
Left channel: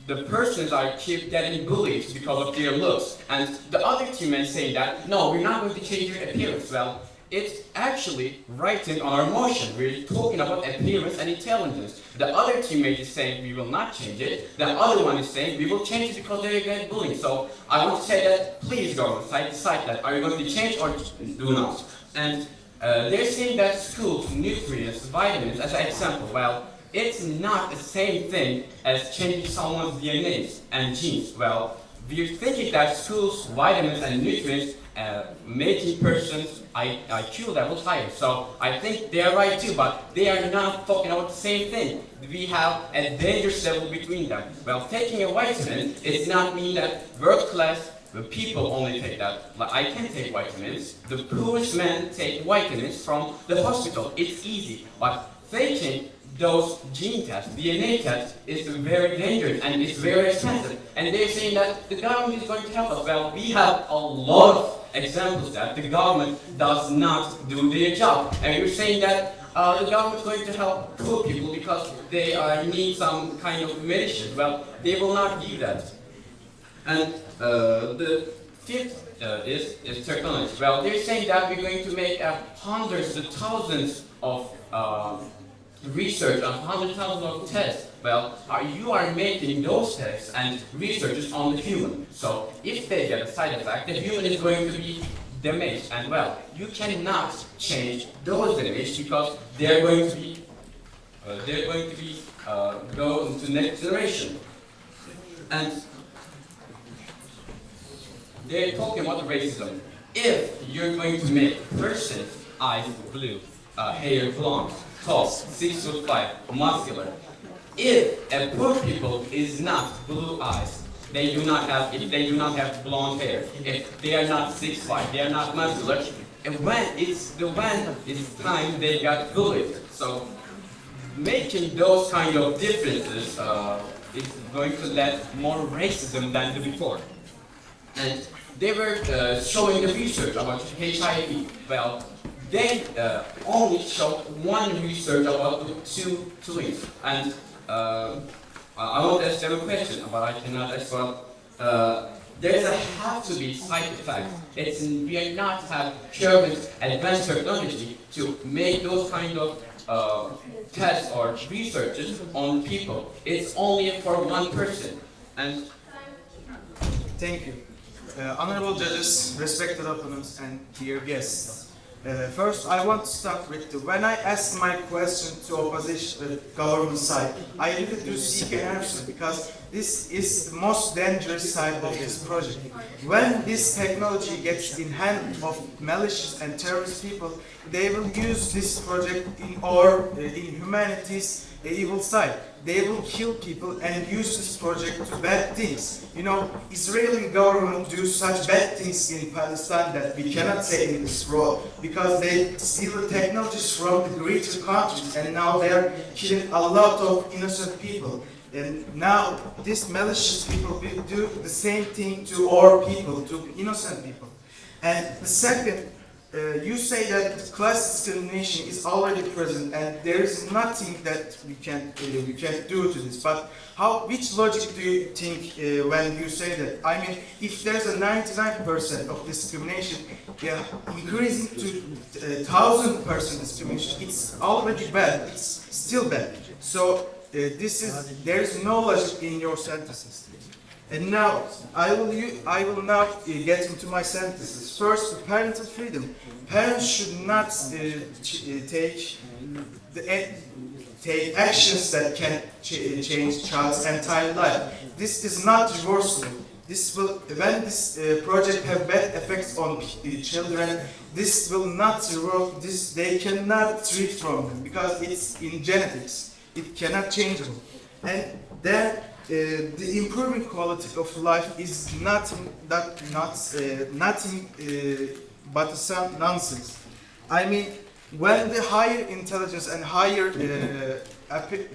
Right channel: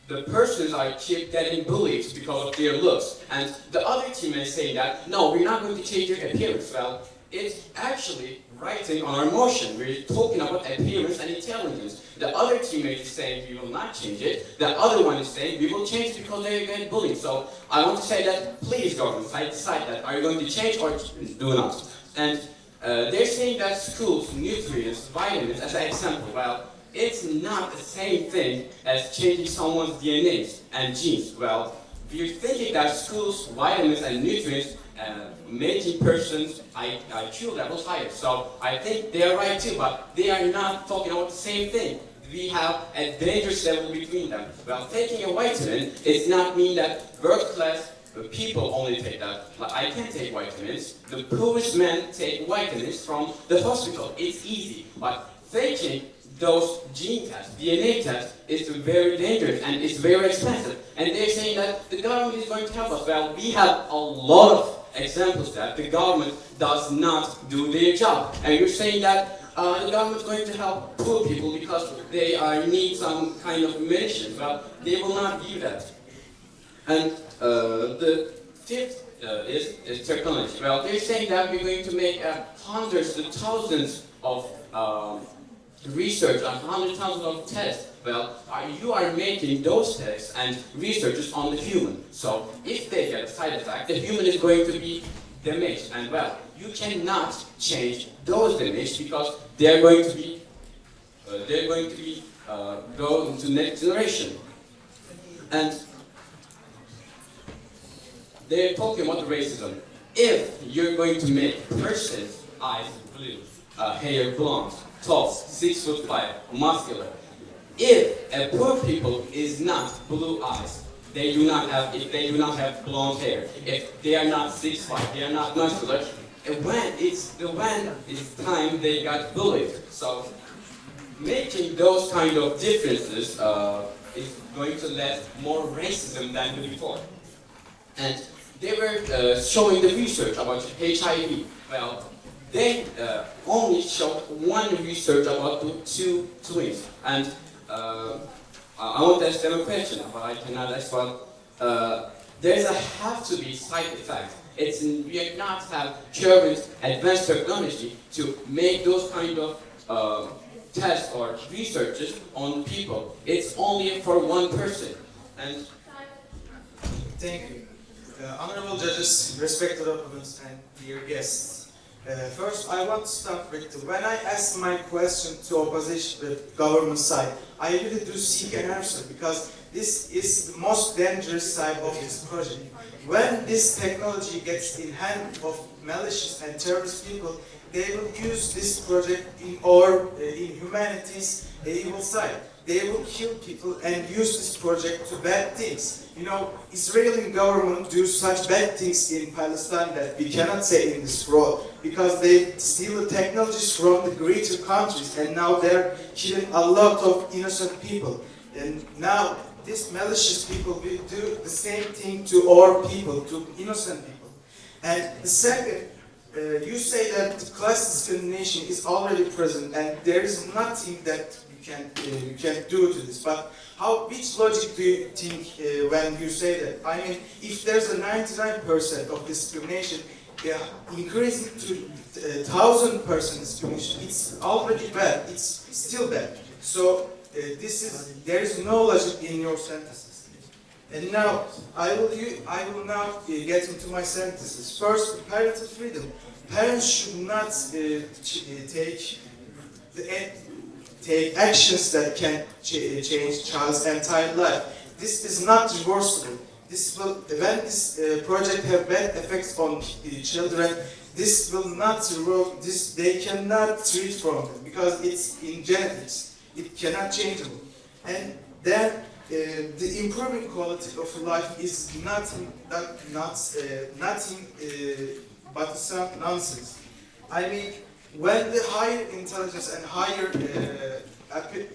the persons are keep getting bullied because of their looks, and the other teammates saying that no, we're not going to change your appearance. Well, it's actually writing on our motion. We're talking about appearance and intelligence. The other teammate is saying we will not change it. The other one is saying we will change it because they're getting bullied. So I want to say that please, government, decide that are you going to change or do not. And they're saying that schools, nutrients, vitamins, as an example. Well, it's not the same thing as changing someone's DNA and genes. Well, we're thinking that schools, vitamins, and nutrients making persons IQ levels higher. So I think they are right too, but they are not talking about the same thing. We have a dangerous level between them. Well, taking a vitamin does not mean that world-class people only take that. Like, I can take vitamins. The poorest men take vitamins from the hospital. It's easy, but taking those gene tests, DNA tests, is very dangerous and it's very expensive. And they're saying that the government is going to help us. Well, we have a lot of examples that the government does not do their job. And you're saying that the government is going to help poor people because they need some kind of medicine. Well, they will not give that. And the fifth is technology. Well, they're saying that we're going to make hundreds to thousands of research on 100,000 of tests. Well, you are making those tests and researches on the human. So if they get a side effect, the human is going to be damaged. And well, you cannot change those damage because they're going to be go into next generation. And they're talking about racism. If you're going to make person's eyes blue, hair blonde, tall, 6'5", muscular. If a poor people is not blue eyes, they do not have blonde hair. If they are not 6'5", they are not muscular. And when it's time they got bullied. So making those kind of differences is going to lead more racism than before. And they were showing the research about HIV. Well, they only showed one research about the two twins. And I want to ask them a question, but I cannot ask. Well, there have to be side effects. We are not have current advanced technology to make those kind of tests or researches on people. It's only for one person. And Thank you. Honorable judges, respected opponents, and dear guests. First, I want to start with when I ask my question to opposition government side, I really do seek an answer because this is the most dangerous side of this project. When this technology gets in hand of malicious and terrorist people, they will use this project in humanity's evil side. They will kill people and use this project to bad things. You know, Israeli government do such bad things in Palestine that we cannot say in this world because they steal the technologies from the greater countries and now they're killing a lot of innocent people. And now these malicious people will do the same thing to our people, to innocent people. And the second, you say that class discrimination is already present and there is nothing that we can do to this. But which logic do you think when you say that? I mean, if there's a 99% of discrimination, increasing to 1,000% discrimination, it's already bad. It's still bad. So there is no logic in your sentences. And now I will now get into my sentences. First, parental freedom. Parents should not take actions that can change child's entire life. This is not reversible. When this project have bad effects on children, this will not work. They cannot treat from them because it's in genetics. It cannot change them. And then the improving quality of life is nothing but some nonsense. I mean, when the higher intelligence and higher,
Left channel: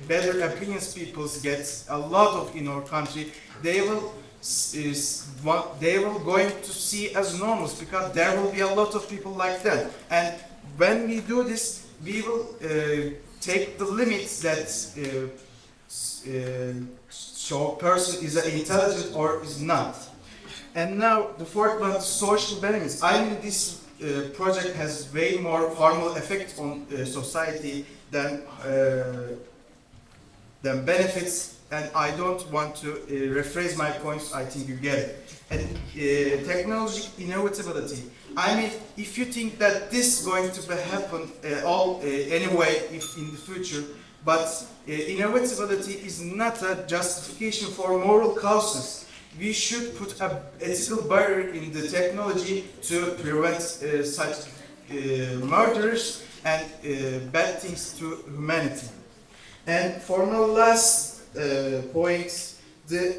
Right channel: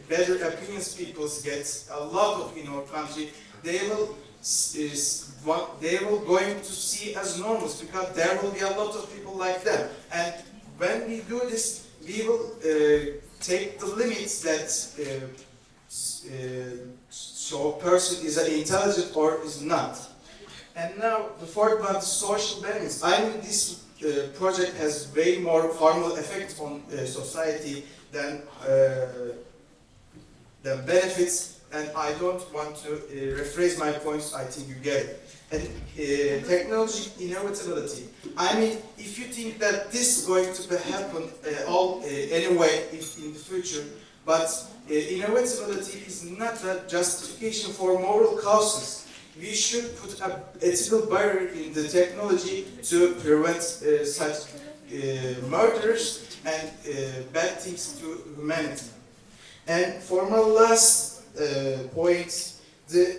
better opinions people get a lot of in our country, they will going to see as normal because there will be a lot of people like that. And when we do this, we will take the limits that show person is intelligent or is not. And now the fourth one, social benefits. I mean, this project has way more harmful effects on society than benefits, and I don't want to rephrase my points. I think you get it. And technology inevitability. I mean, if you think that this is going to happen anyway in the future, but inevitability is not a justification for moral causes. We should put an ethical barrier in the technology to prevent such murders and bad things to humanity. And for my last point, the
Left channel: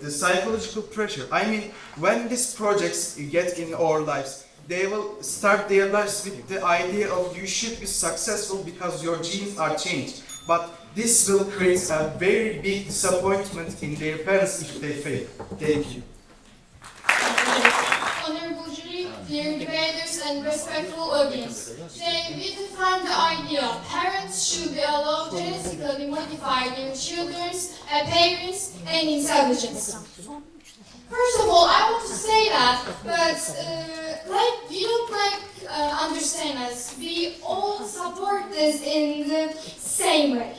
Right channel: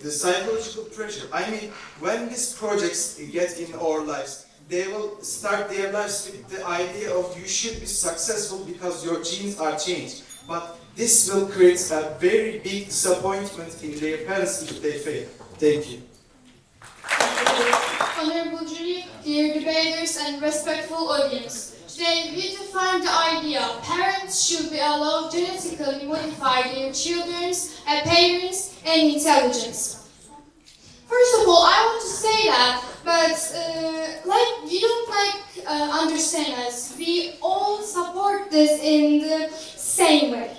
the psychological pressure. I mean, when these projects get in our lives, they will start their lives with the idea of you should be successful because your genes are changed. But this will create a very big disappointment in their parents if they fail. Thank you. Honorable jury, dear debaters and respectful audience. Today we define the idea parents should be allowed to genetically modify their children's appearance and intelligence. First of all, I want to say that, but we don't understand us. We all support this in the same way.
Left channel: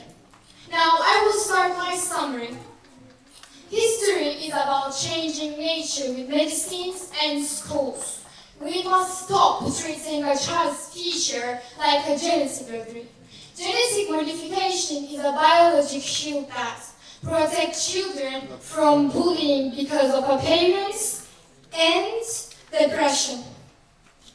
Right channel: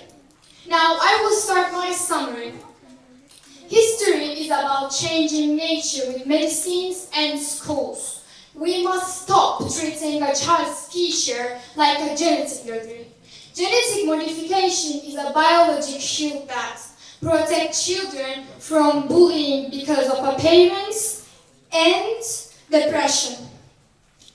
Now, I will start my summary. History is about changing nature with medicines and schools. We must stop treating a child's future like a genetic lottery. Genetic modification is a biological shield that protects children from bullying because of appearance and depression.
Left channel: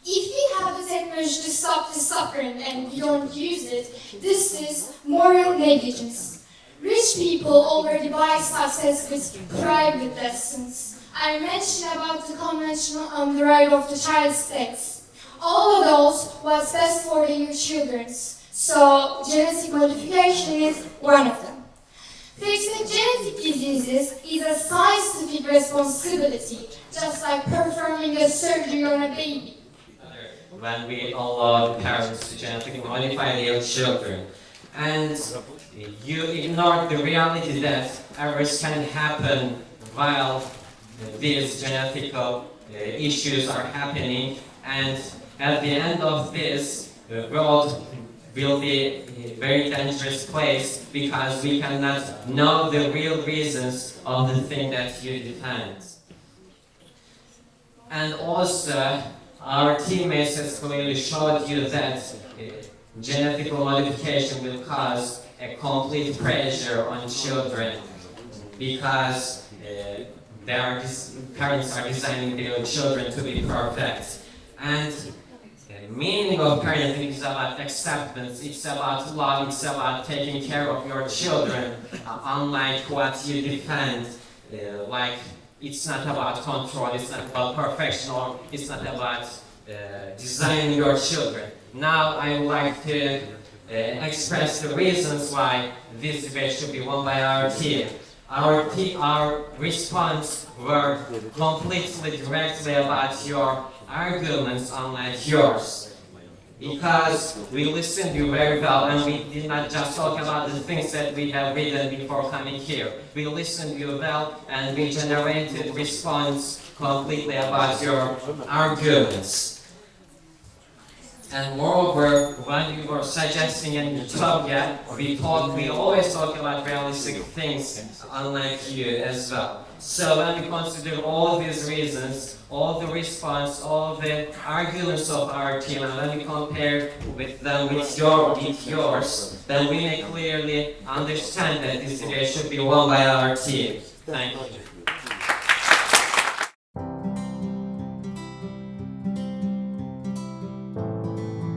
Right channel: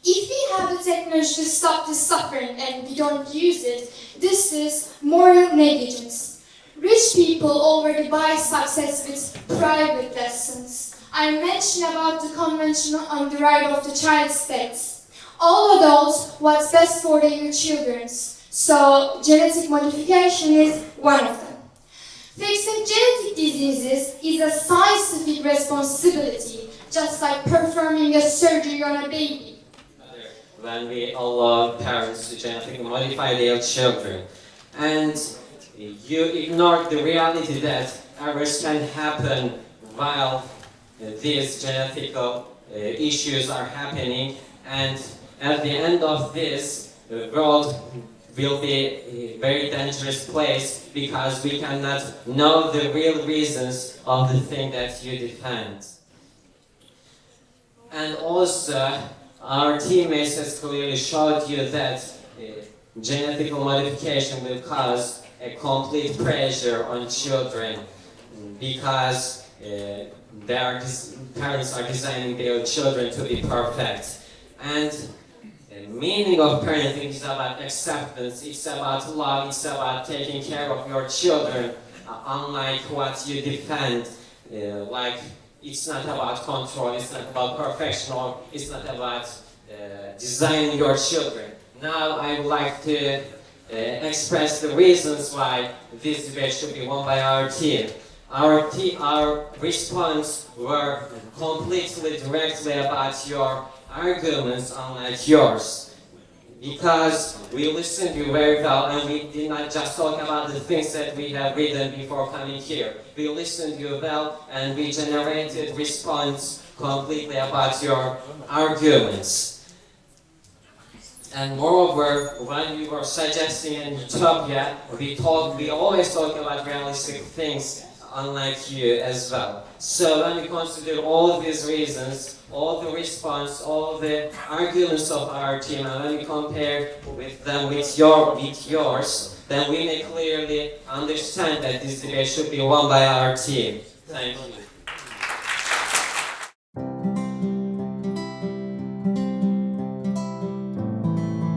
If we have the technology to stop the suffering and we don't use it, this is moral negligence. Rich people already buy success with private lessons. I mentioned about the Convention on the Right of the Child states. All adults what's best for their children. So genetic modification is one of them. Fixing genetic diseases is a scientific responsibility, just like performing a surgery on a baby. When we allow parents to genetically modify their children, and you ignore the reality that errors can happen while these genetic issues are happening, and at the end of this, the world will be a very dangerous place because we cannot know the real reasons of the thing that you defend. And also, our teammates has clearly showed you that genetic modification will cause a complete pressure on children because parents are designing their children to be perfect. And the meaning of parenting is about acceptance, it's about love, it's about taking care of your children, unlike what you defend. Like, it's not about control, it's not about perfection, or it's not about designing your children. Now I would like to express the reasons why this debate should be won by our team. Our response were completely directly about your arguments, unlike yours. Because we listened to you very well, and we did not just talk about the things that we have written before coming here. We listened to you well, and we generated response completely about your arguments. And moreover, when we were suggesting an utopia, we always talk about realistic things, unlike you as well. So when we consider all these reasons, all the response, all the arguments of our team, and when we compare with them with yours, then we may clearly understand that this debate should be won by our team. Thank you.